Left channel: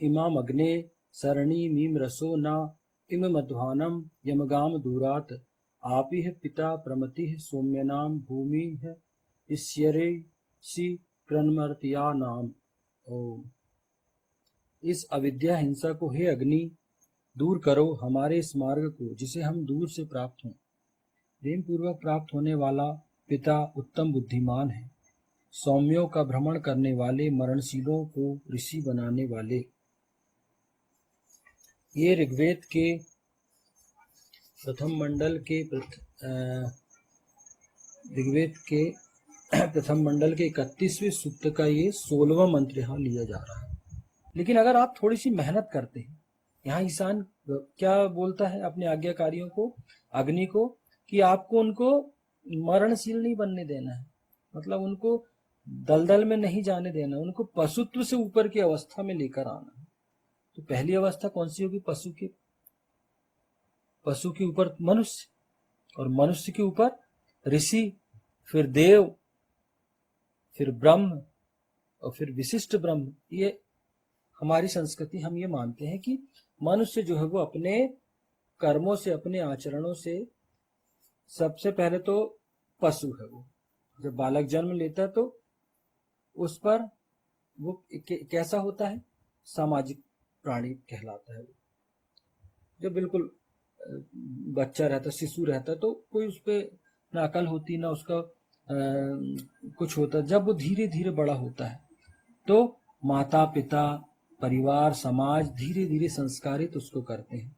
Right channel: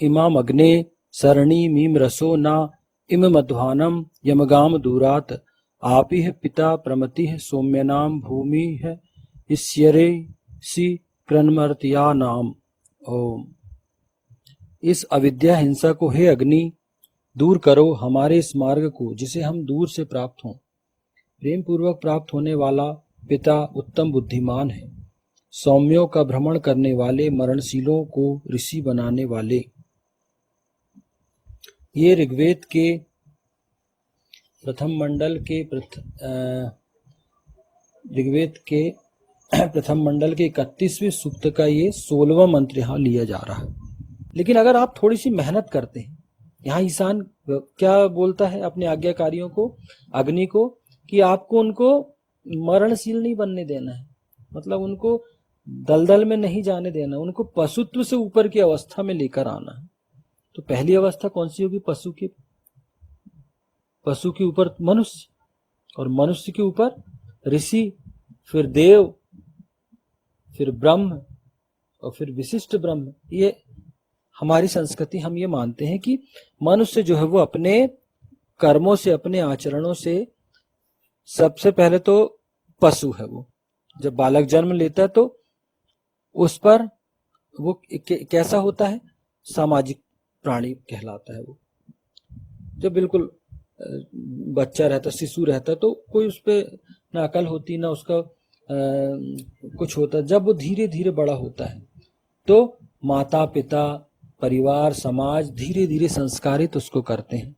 इमाम अग्ने सरणी मीम रसो ना इम मध्वानम यमगाम दूरात आपिह पिता प्रमतिः सौम्यनाम भूमि है इस्यरे सी क्रन्मर्त्या नाम। ओम। इस अविद्या हिंसा को हे अग्नि दूर करो, हमारे इस मार्ग को जिसे हम दूर से प्राप्त हों। प्रेम पूर्वक प्राप्त होने वाला पिता उत्तम बुद्धिमान है, सौम्यों का भ्रमण करने वाले, मरणशीलों को ऋषि बनाने वाले। ये ऋग्वेद के प्रथम मंडल के प्रथम मंडल के 31वें सूक्त का ये 16वां मंत्र यहाँ लिया जा रहा है। लेकिन अगर आप थोड़ी सी मेहनत करते हैं, यहाँ ईशान क्या बोलता है अपने आज्ञाकारियों को, अग्नि को, कि आपको उनको मरणशील नहीं बनने देना है, मतलब उनको दलदल में नहीं जाने देना, उनको पशुत्व से ऊपर की अवस्था में लेकर आना है। तो पहली अवस्था कौन सी होगी? पशु के ऊपर मनुष्य, और मनुष्य के ऊपर ऋषि, फिर देव, फिर ब्रह्म, और फिर विशिष्ट ब्रह्म। ये हमारी संस्कृति, हम ये मानते हैं कि मनुष्य जो है वो अपने कर्मों से, अपने आचरणों से सबसे पहले तो पशु है। वो जब बालक जन्म लेता है तो उस पर वो कैसा होता है? सामाजिक प्राणी कहलाता है। वो जब बिल्कुल बच्चा रहता, शिशु रहता, तो कोई उस पर ना अकल होती, ना उसका कुछ होता। जब वो धीरे धीरे बड़ा होता है तो माता पिता, परिवार, समाज धीरे धीरे संस्कारित उसको करते हैं।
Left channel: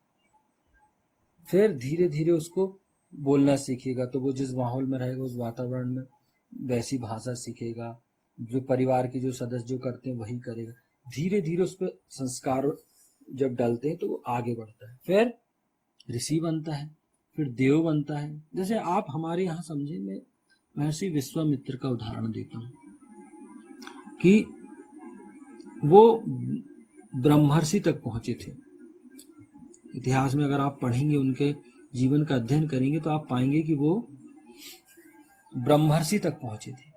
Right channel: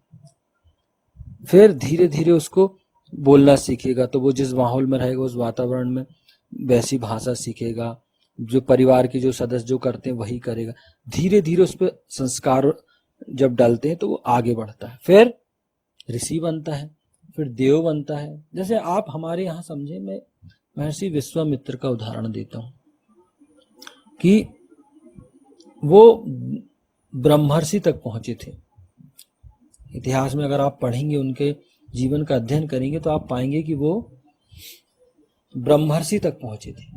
फिर धीरे धीरे उसको बोलना सीखेगा, तो वो जिस माहौल में रहेगा, उस वातावरण में वैसी भाषा सीखेगा। जो परिवार के जो सदस्य जो करते हैं वही करेगा। धीरे धीरे उस पर संस्कार जब डालते हैं तो वो आगे बढ़ता है। फिर ऋषि बनता है, फिर देव बनता है। जैसे आप हमारे यहाँ समझे, मैं महर्षि विश्वामित्र का उदाहरण देता हूँ कि वो ब्रह्मर्षि तक पहुंचे थे। इतिहास में अगर आप पढ़ेंगे, उनके जीवन का अध्ययन करेंगे, तो आप पाएंगे कि वो ब्रह्मर्षि तक पहुंचे थे।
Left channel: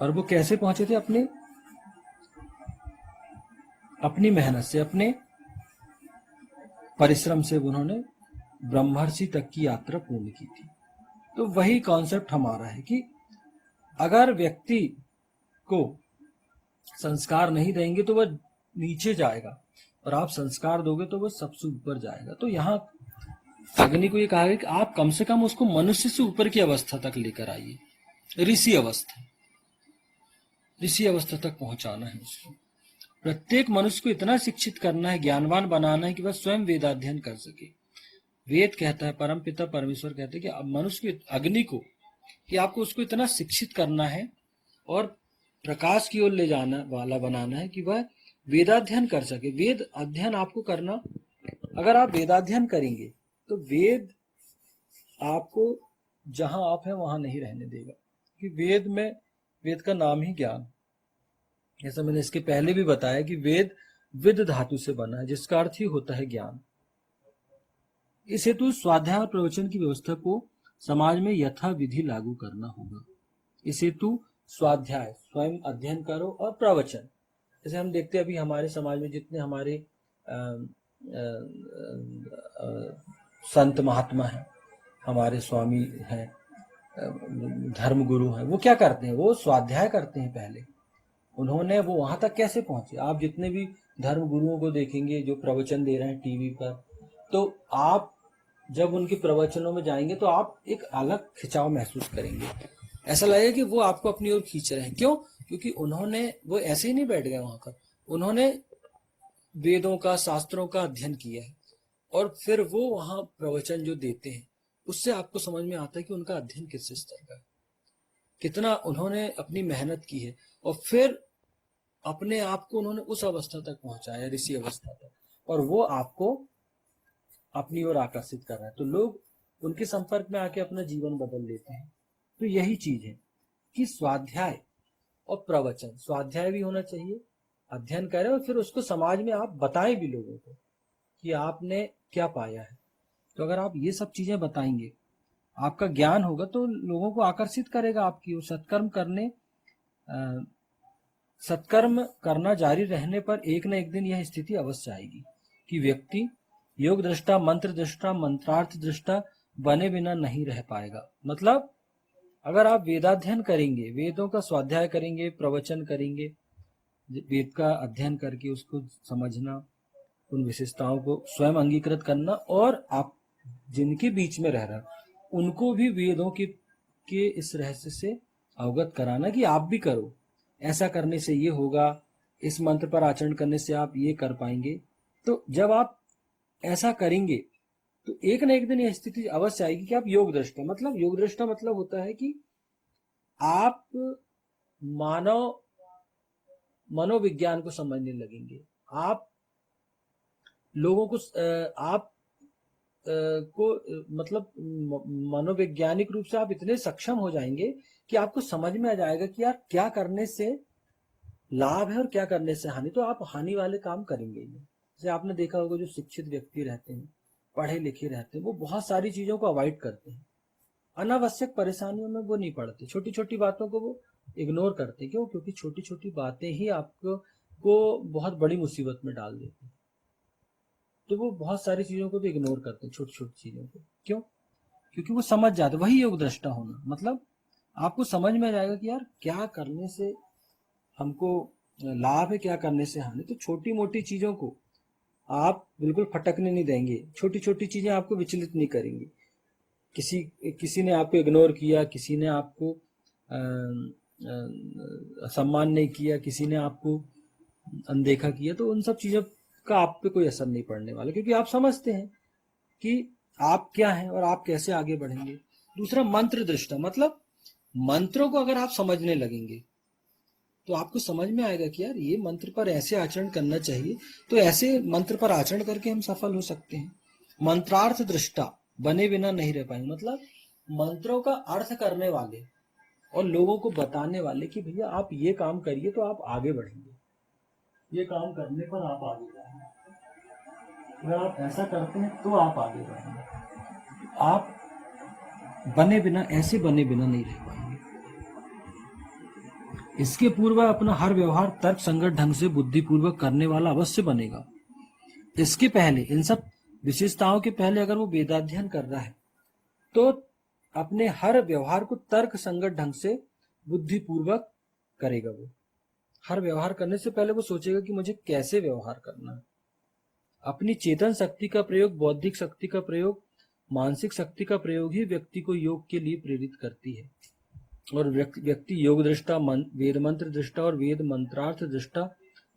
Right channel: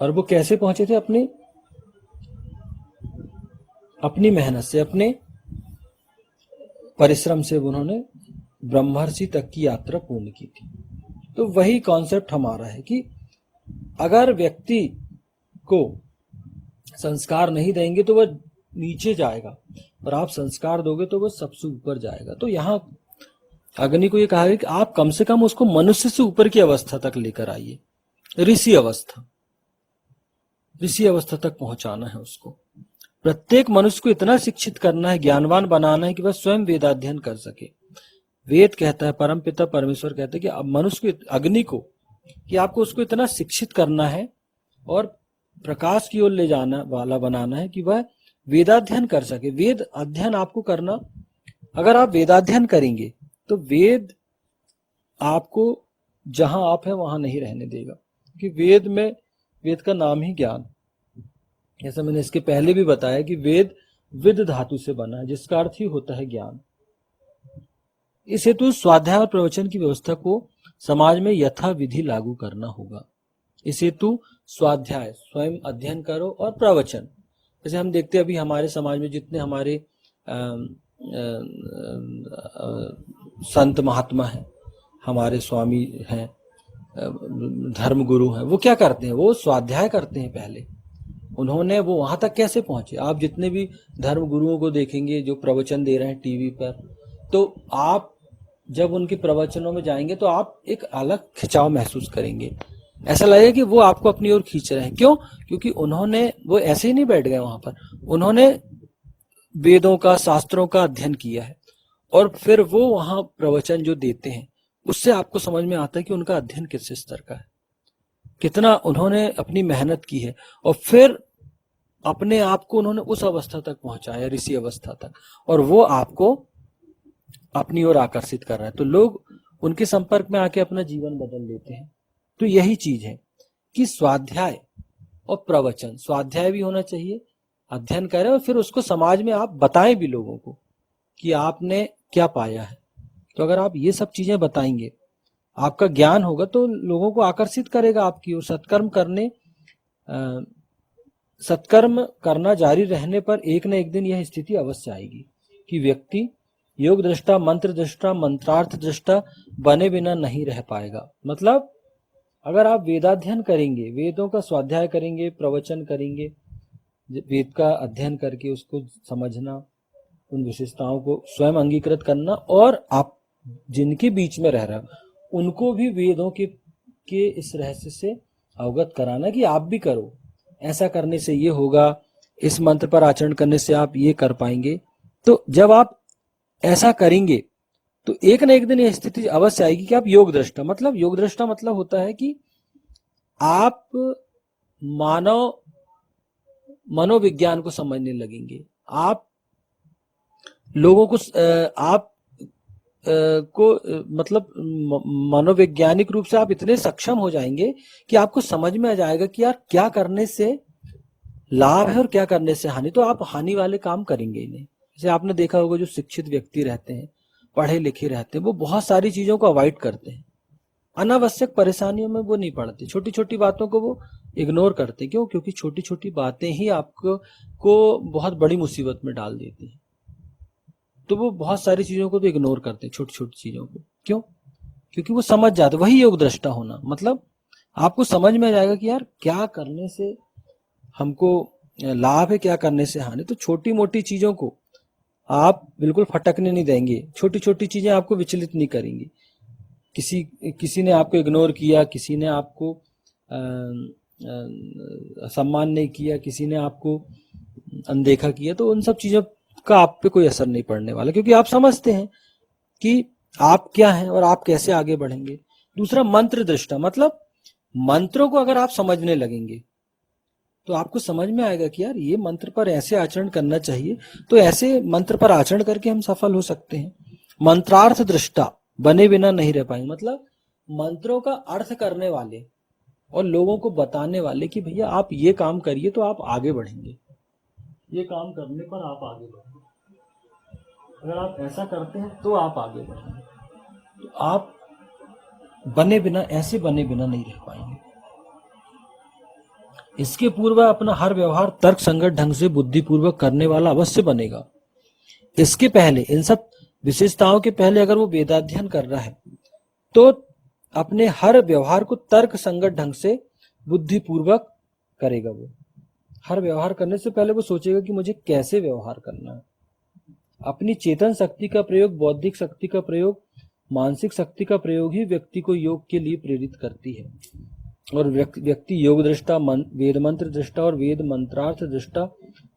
और वो कैसे पहुंचे थे? अपनी मेहनत से, अपने परिश्रम से उन्होंने ब्रह्मर्षि तक की यात्रा पूर्ण की थी। तो वही कॉन्सेप्ट हमारा है कि अगर व्यक्ति को संस्कार नहीं देंगे तो वह नीचे जाएगा, और आप संस्कार दोगे तो वह सबसे ऊपर जाएगा। तो यहाँ अग्नि को ये कहा है कि आप कम से कम उसको मनुष्य से ऊपर की अवस्था तक लेकर आइए, ऋषि अवस्था तक पहुंचाना है उसको। प्रत्येक मनुष्य को इतना शिक्षित करना है, ज्ञानवान बनाना है कि वह स्वयं वेदाध्ययन कर सके। वेद कहता है, परम पिता परमेश्वर कहते हैं कि अब मनुष्य को, अग्नि को, कि आपको उसको इतना शिक्षित करना है और प्रकाश की ओर ले जाना वाला बनाना है कि वह वेदाध्ययन कर सके। वेद अध्ययन आपको करना, अगर आप वेदाध्ययन करेंगे तो वेद आपको जहां आप है वहां नहीं रहने देगा, कि वेद का नाम ही ज्ञान। जैसा मैंने इसके पहले भी बताया कि वेद विद धातु से बना है, जिसका अर्थ ही होता है ज्ञान। इस हेतु स्वाध्याय और प्रवचन की व्यवस्था को समाज में यथा विधि लागू करना होगा। इस हेतु स्वाध्याय, स्वयं अध्ययन करो, और प्रवचन, जैसे हम देखते हैं अभी हमारे समाज में जितने हमारे संत महात्मा हैं, हमारे स्वामी हैं, धर्म गुरु हैं, वो क्या करते हैं? वो स्वाध्याय करते हैं पहले। उन्होंने वो वहां तक कैसे पहुंचे? आप जितने भी धर्म गुरुओं को देखेंगे जो प्रवचन दे रहे हैं टीवी पर, तो आप जब उनके प्रवचनों में जाएंगे तो आप एक अलग खिंचाव महसूस करेंगे। ऐसा लगेगा कि वो आपको अपनी ओर खींच रहे हैं। क्यों? क्योंकि वो ऐसे ही नहीं बैठ गए वहां पर, उन्होंने वेदों का, शास्त्रों का अध्ययन किया है, और फिर वो वहां प्रवचन जो देते हैं उससे आपको समझ में आता है कि उनका अध्ययन किस स्तर का है, कितना उन्होंने अपनी मेहनत की है, और फिर अपने आप को उन्होंने उस अवस्था तक पहुंचाया, ऋषि अवस्था तक, और वो आपको अपनी ओर आकर्षित कर रहा है। तो लोग उनके संपर्क में आके अपना जीवन बदल लेते हैं। तो यही चीज है कि स्वाध्याय और प्रवचन, स्वाध्याय भी होना चाहिए, अध्ययन करें, और फिर उसको समाज में आप बताएं भी लोगों को कि आपने क्या पाया है। तो अगर आप ये सब चीजें बताएंगे, आपका ज्ञान होगा, तो लोगों को आकर्षित करेगा आपकी ओर, सत्कर्म करने सत्कर्म करना जारी रहने पर एक न एक दिन यह स्थिति अवश्य आएगी कि व्यक्ति योग दृष्टा, मंत्र दृष्टा, मंत्रार्थ दृष्टा बने बिना नहीं रह पाएगा। मतलब अगर आप वेदाध्ययन करेंगे, वेदों का स्वाध्याय करेंगे, प्रवचन करेंगे, वेद का अध्ययन करके उसको समझना, उन विशेषताओं को स्वयं अंगीकृत करना, और आप जिनके बीच में रह रहे हो उनको भी वेदों के इस रहस्य से अवगत कराना कि आप भी करो, ऐसा करने से ये होगा, इस मंत्र पर आचरण करने से आप ये कर पाएंगे। तो जब आप ऐसा करेंगे तो एक न एक दिन यह स्थिति अवश्य आएगी कि आप योग दृष्टा, मतलब योग दृष्टा मतलब होता है कि आप मनोविज्ञान को समझने लगेंगे, आप लोगों को आप को मतलब मनोवैज्ञानिक रूप से आप इतने सक्षम हो जाएंगे कि आपको समझ में आ जाएगा कि यार क्या करने से लाभ है और क्या करने से हानि। तो आप हानि वाले काम करेंगे ही नहीं। जैसे आपने देखा होगा जो शिक्षित व्यक्ति रहते हैं, पढ़े लिखे रहते हैं, वो बहुत सारी चीजों को अवॉइड करते हैं, अनावश्यक परेशानियों में वो नहीं पड़ते, छोटी छोटी बातों को वो इग्नोर करते। क्यों? क्योंकि छोटी छोटी बातें ही आपको बहुत बड़ी मुसीबत में डाल देती है। तो वो बहुत सारी चीजों को तो इग्नोर करते हैं, छोटी छोटी चीजों को। क्यों? क्योंकि वो समझ जाते। वही योग दृष्टा होना, मतलब आपको समझ में आ जाएगा कि यार क्या करने से हमको लाभ है, क्या करने से हानि। तो छोटी मोटी चीजों को आप बिल्कुल फटकने नहीं देंगे, छोटी छोटी चीजें आपको विचलित नहीं करेंगी। किसी ने आपको इग्नोर किया, किसी ने आपको सम्मान नहीं किया, किसी ने आपको अनदेखा किया, तो उन सब चीजों का आप पे कोई असर नहीं पड़ने वाला, क्योंकि आप समझते हैं कि आप क्या हैं और आप कैसे आगे बढ़ेंगे। दूसरा मंत्र दृष्टा, मतलब मंत्रों को अगर आप समझने लगेंगे तो आपको समझ में आएगा कि यार ये मंत्र पर ऐसे आचरण करना चाहिए, तो ऐसे मंत्र पर आचरण करके हम सफल हो सकते हैं। मंत्रार्थ दृष्टा बने बिना नहीं रह पाएंगे, मतलब मंत्रों का अर्थ करने वाले और लोगों को बताने वाले कि भैया आप ये काम करिए तो आप आगे बढ़ेंगे, ये काम करने पर आप आगे बढ़ेंगे, अगर आप ऐसा करते हैं तो आप आगे बढ़ेंगे। तो आप बने बिना नहीं रह पाएंगे। इसके पूर्व अपना हर व्यवहार तर्क संगत ढंग से बुद्धिपूर्वक करने वाला अवश्य बनेगा। इसके पहले, इन सब विशेषताओं के पहले अगर वो वेदाध्ययन कर रहा है तो अपने हर व्यवहार को तर्क संगत ढंग से बुद्धिपूर्वक करेगा। वो हर व्यवहार करने से पहले वो सोचेगा कि मुझे कैसे व्यवहार करना है। अपनी चेतन शक्ति का प्रयोग, बौद्धिक शक्ति का प्रयोग, मानसिक शक्ति का प्रयोग ही व्यक्ति को योग के लिए प्रेरित करती है। और व्यक्ति योग दृष्टा, वेद मंत्र दृष्टा और वेद मंत्रार्थ दृष्टा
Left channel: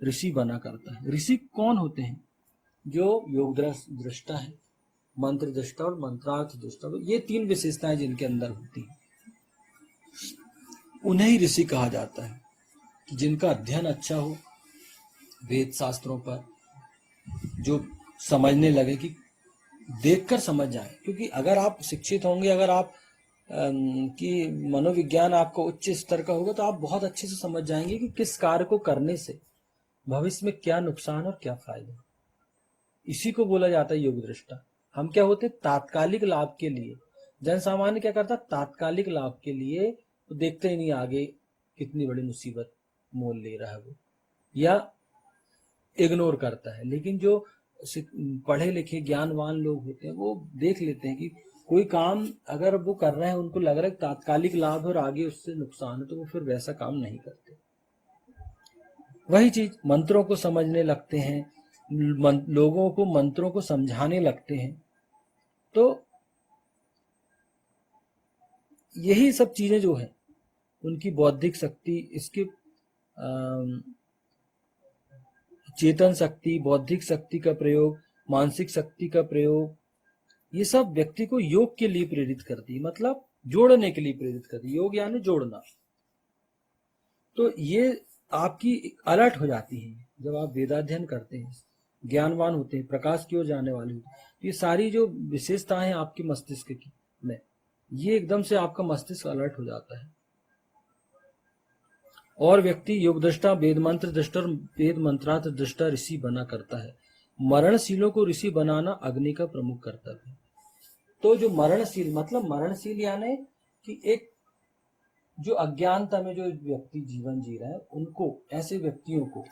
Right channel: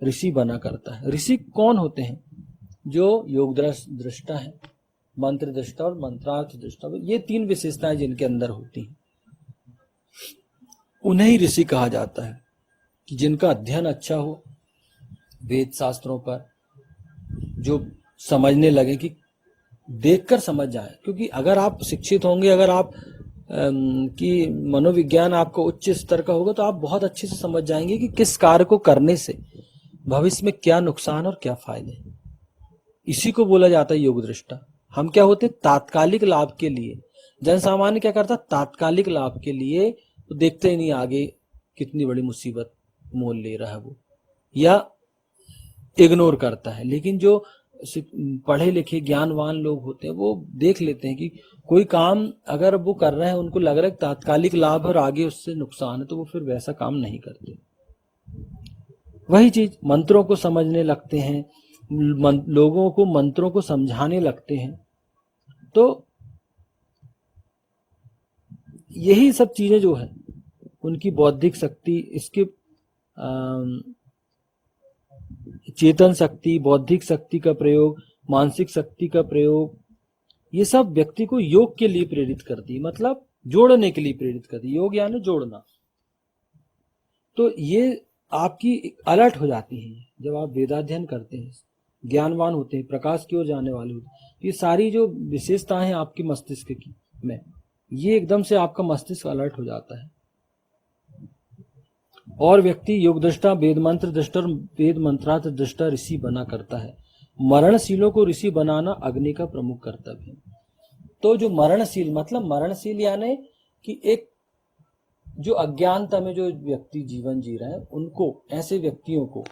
ऋषि बना करता है। ऋषि कौन होते हैं? जो योग दृष्टा है, मंत्र दृष्टा और मंत्रार्थ दृष्टा, ये तीन विशेषताएं जिनके अंदर होती हैं उन्हें ही ऋषि कहा जाता है। कि जिनका अध्ययन अच्छा हो वेद शास्त्रों पर, जो समझने लगे, कि देखकर समझ जाए। क्योंकि अगर आप शिक्षित होंगे, अगर आप कि मनोविज्ञान आपका उच्च स्तर का होगा, तो आप बहुत अच्छे से समझ जाएंगे कि किस कार्य को करने से भविष्य में क्या नुकसान और क्या फायदे। इसी को बोला जाता है योग दृष्टा। हम क्या होते? तात्कालिक लाभ के लिए। जन सामान्य क्या करता? तात्कालिक लाभ के लिए तो देखते ही नहीं आगे कितनी बड़ी मुसीबत मोल ले रहा है वो, या इग्नोर करता है। लेकिन जो पढ़े लिखे ज्ञानवान लोग होते हैं वो देख लेते हैं कि कोई काम अगर वो कर रहे हैं, उनको लग रहा है तात्कालिक लाभ और आगे उससे नुकसान है, तो वो फिर वैसा काम नहीं करते। वही चीज मंत्रों को समझने लगते हैं, लोगों को मंत्रों को समझाने लगते हैं। तो यही सब चीजें जो है, उनकी बौद्धिक शक्ति, इसके चेतन शक्ति, बौद्धिक शक्ति का प्रयोग, मानसिक शक्ति का प्रयोग, ये सब व्यक्ति को योग के लिए प्रेरित करती है, मतलब जोड़ने के लिए प्रेरित करती है। योग यानी जोड़ना। तो ये आपकी अलर्ट हो जाती है जब आप वेदाध्ययन करते हैं, ज्ञानवान होते हैं, प्रकाश की ओर जाने वाले होते हैं। ये सारी जो विशेषताएं हैं आपके मस्तिष्क की में, ये एकदम से आपका मस्तिष्क अलर्ट हो जाता है। और व्यक्ति योग दृष्टा, वेद मंत्र दृष्टा, वेद मंत्रार्थ दृष्टा ऋषि बना करता है। मरणशीलों को ऋषि बनाना अग्नि का प्रमुख कर्तव्य है। तो जो मरणशील, मतलब मरणशील यानी कि एक जो अज्ञानता में जो व्यक्ति जीवन जी रहे हैं उनको, ऐसे व्यक्तियों को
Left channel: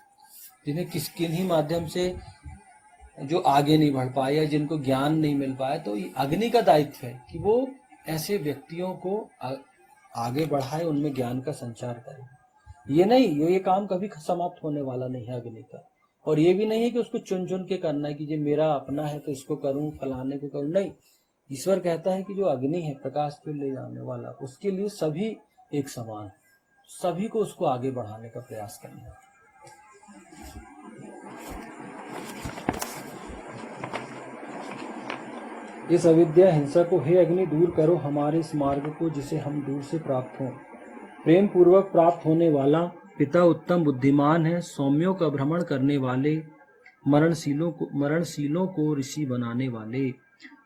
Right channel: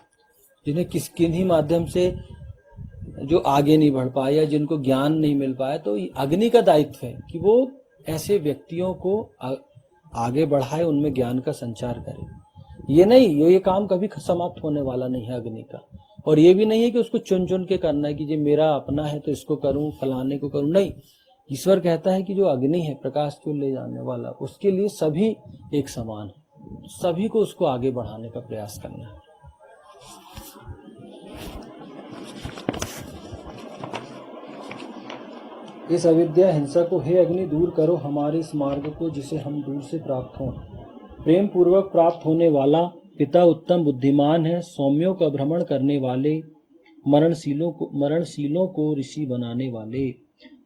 जिन्हें किन्हीं माध्यम से जो आगे नहीं बढ़ पाए या जिनको ज्ञान नहीं मिल पाया, तो अग्नि का दायित्व है कि वो ऐसे व्यक्तियों को आगे बढ़ाए, उनमें ज्ञान का संचार करे। ये नहीं, ये काम कभी समाप्त होने वाला नहीं है अग्नि का। और ये भी नहीं है कि उसको चुन चुन के करना है कि ये मेरा अपना है तो इसको करूं, फलाने को करूं, नहीं। ईश्वर कहता है कि जो अग्नि है, प्रकाश को ले जाने वाला, उसके लिए सभी एक समान है, सभी को उसको आगे बढ़ाने का प्रयास करना है। इस अविद्या हिंसा को हे अग्नि दूर करो, हमारे इस मार्ग को जिसे हम दूर से प्राप्त हों। प्रेम पूर्वक प्राप्त होने वाला पिता उत्तम बुद्धिमान है, सौम्यों का भ्रमण करने वाले, मरणशीलों को ऋषि बनाने वाले।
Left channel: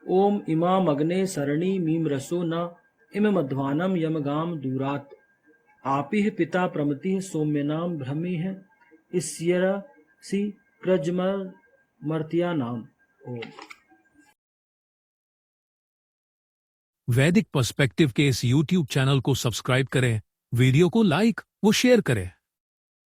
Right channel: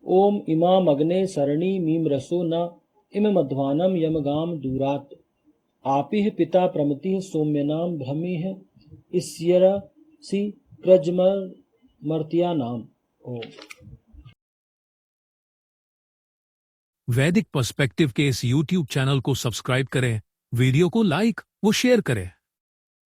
ओम इमाम अग्ने सरणी मीम रसो न इम मध्वानम यमगाम दूरात। आपि पिता प्रमति सौम्य नाम भ्रमी है इस्यरसी क्रजमर मर्त्या नाम। ओम। वैदिक पर्सपेक्टिव के इस YouTube चैनल को सब्सक्राइब करें, वीडियो को लाइक व शेयर करें।